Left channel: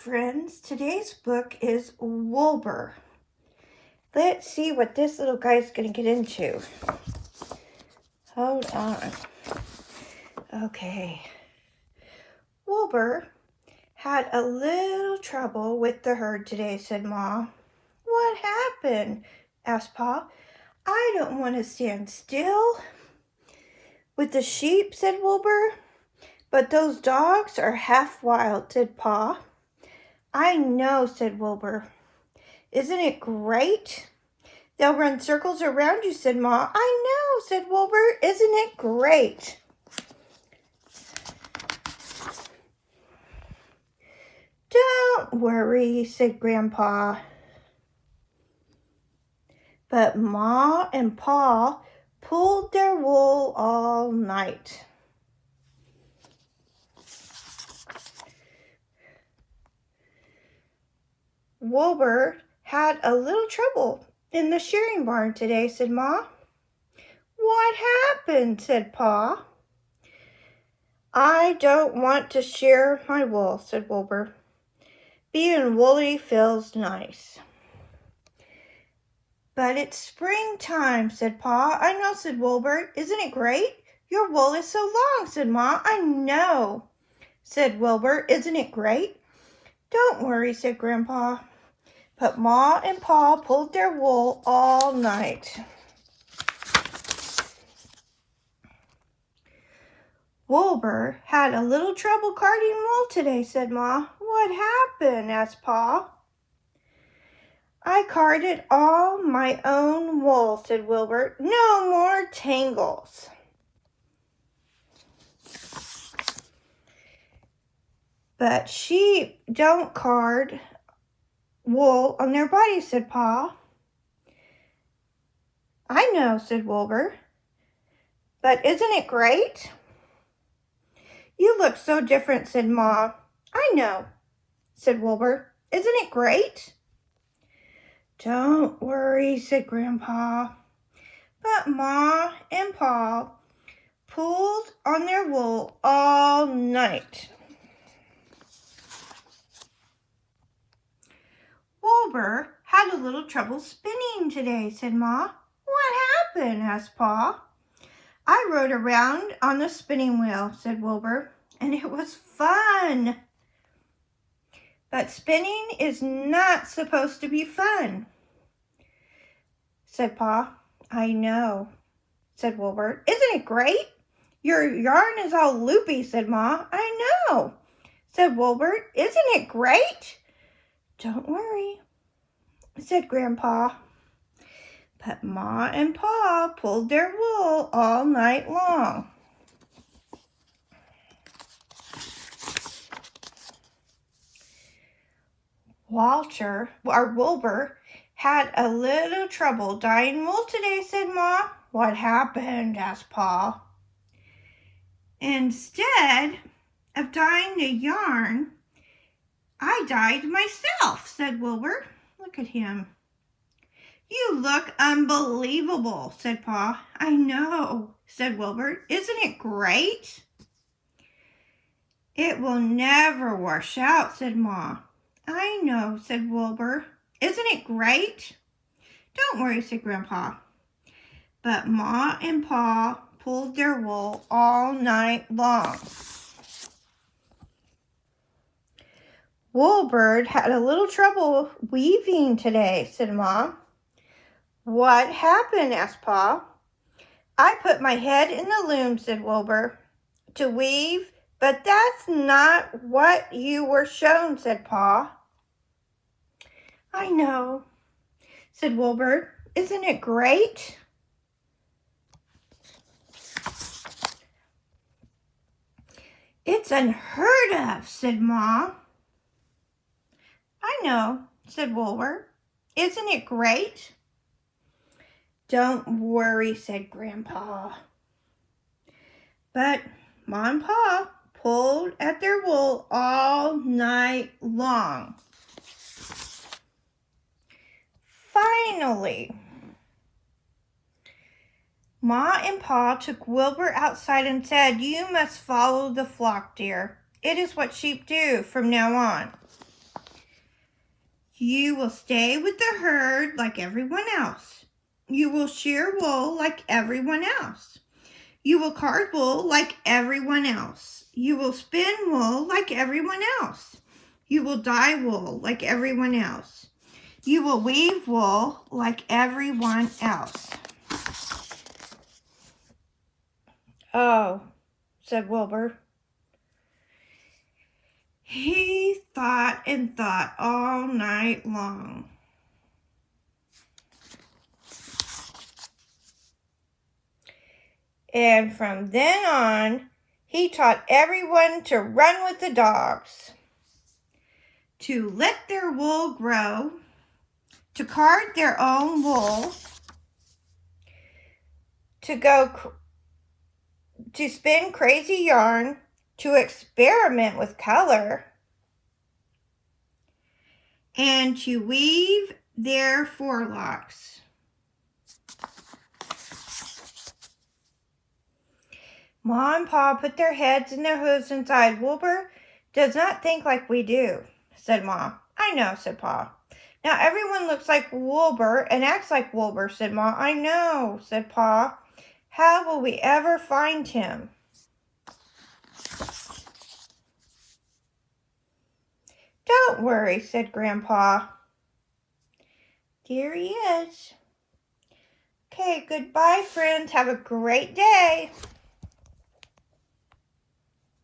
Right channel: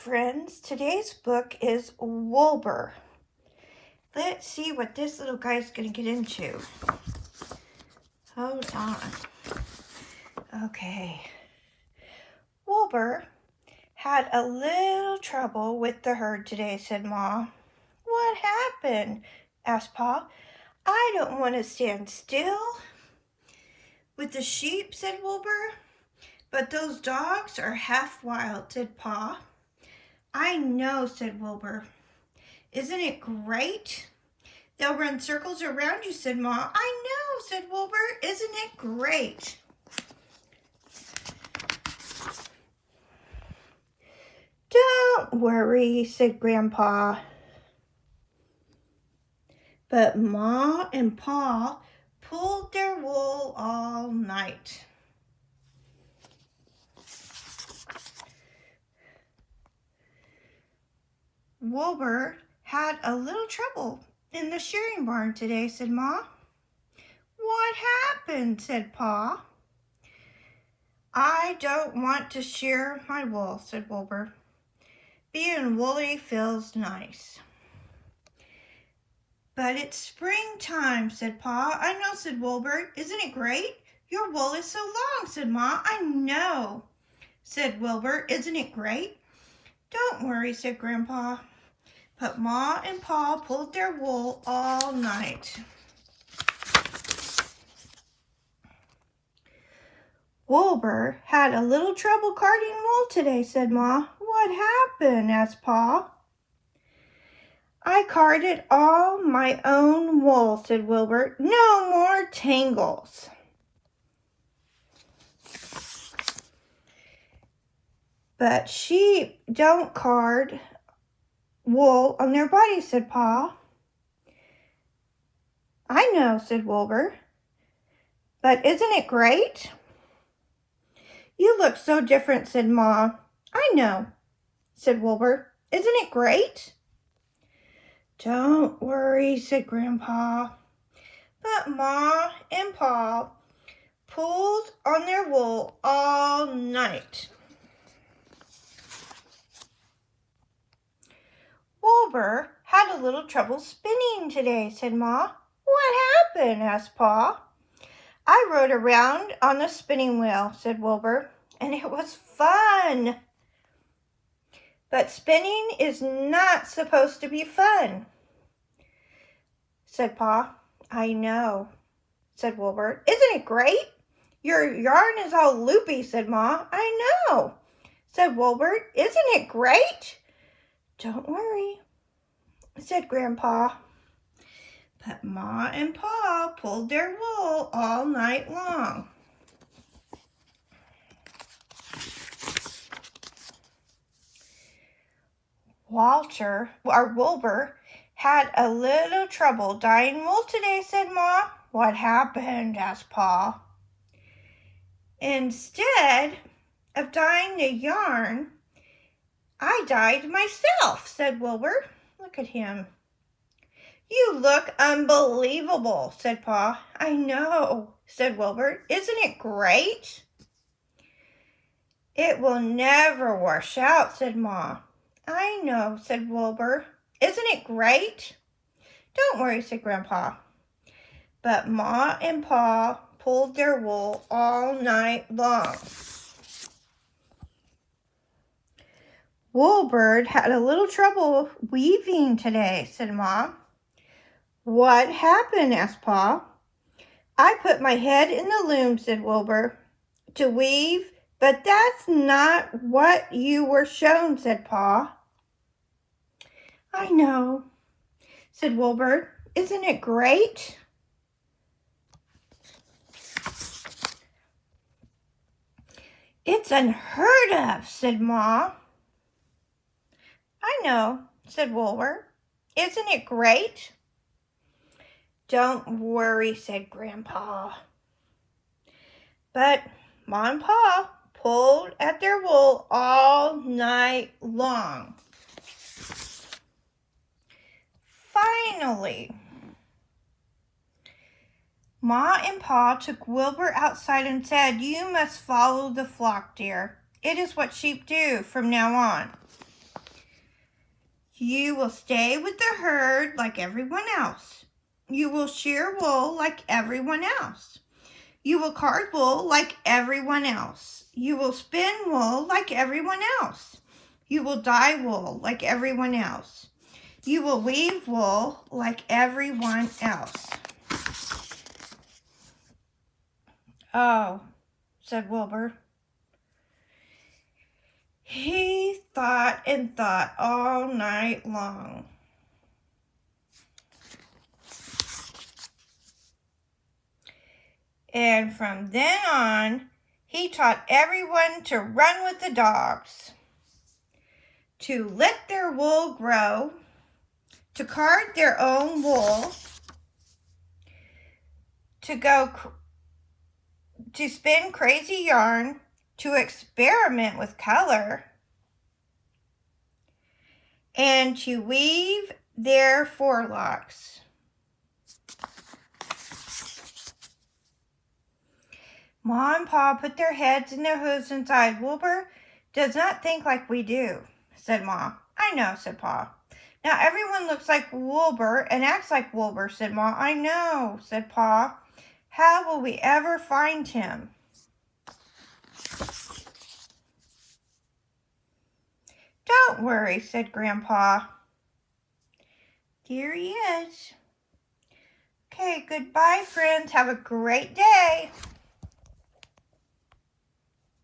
friends. Today's book is Woolbur. Let's see what this little guy's going to get into. Hold on. Okay. Woolbur had a little trouble with the herd today, said Ma. What happened? Asked Pa. I don't want to stand still with the sheep, said Woolbur. But those dogs are half wild, said Pa. I know, said Woolbur. Isn't it great? They'll run circles around you, said Ma. I know, said Woolbur. Isn't it great? Don't worry, said Grandpa. But Ma and Pa pulled their wool all night. Woolbur had a little trouble in the shearing barn today, said Ma. What happened? Said Pa. I don't want to shear my wool, said Woolbur. Being woolly feels nice. But it's springtime, said Pa. I know, said Woolbur. Isn't it great? Your wool is so long, said Ma. I know, said Woolbur. Isn't it great? Don't worry, said Grandpa. But Ma and Pa pulled their wool all night. Woolbur had a little trouble carding wool today, said Ma. What happened? Asked Pa. I carded all my own wool, said Woolbur. No more tangles. But sheep don't card wool on their bodies, said Pa. I know, said Woolbur. But isn't it great? You look so different, said Ma. I know, said Woolbur. Isn't it great? Don't worry, said Grandpa. But Ma and Pa pulled on their wool all night. Woolbur had a little trouble spinning today, said Ma. What happened? Asked Pa. I rode around on the spinning wheel, said Woolbur, and it was fun. But spinning is not supposed to be fun, said Pa. I know, said Woolbur. Isn't it great? Your yarn is all loopy, said Ma. I know, said Woolbur. Isn't it great? Don't worry, said Grandpa. But Ma and Pa pulled their wool all night long. Woolbur had a little trouble dyeing wool today, said Ma. What happened? Asked Pa. Instead of dyeing the yarn, I dyed myself, said Woolbur. Look at him. You look unbelievable, said Pa. I know, said Woolbur. Isn't it great? It will never wash out, said Ma. I know, said Woolbur. Isn't it great? Don't worry, said Grandpa. But Ma and Pa pulled their wool all night long. Woolbur had a little trouble weaving today, said Ma. What happened? Asked Pa. I put my head in the loom, said Woolbur, to weave, but that's not what you were shown, said Pa. I know, said Woolbur. Isn't it great? It's unheard of, said Ma. I know, said Woolbur. Isn't it great? Don't worry, said Grandpa. But Ma and Pa pulled at their wool all night long. Finally, Ma and Pa took Woolbur outside and said, You must follow the flock, dear. It is what sheep do from now on. You will stay with the herd like everyone else. You will shear wool like everyone else. You will card wool like everyone else. You will spin wool like everyone else. You will dye wool like everyone else. You will weave wool like everyone else. Oh, said Woolbur. He thought and thought all night long. And from then on, he taught everyone to run with the dogs, to let their wool grow, to card their own wool, to spin crazy yarn, to experiment with color, and to weave their forelocks. Ma and Pa put their heads in their hooves and sighed. Woolbur does not think like we do, said Ma. I know, said Pa. Now everyone looks like Woolbur and acts like Woolbur, said Ma. I know, said Pa. How will we ever find him? Don't worry, said Grandpa. Here he is. Okay, goodbye, friends. Have a great day.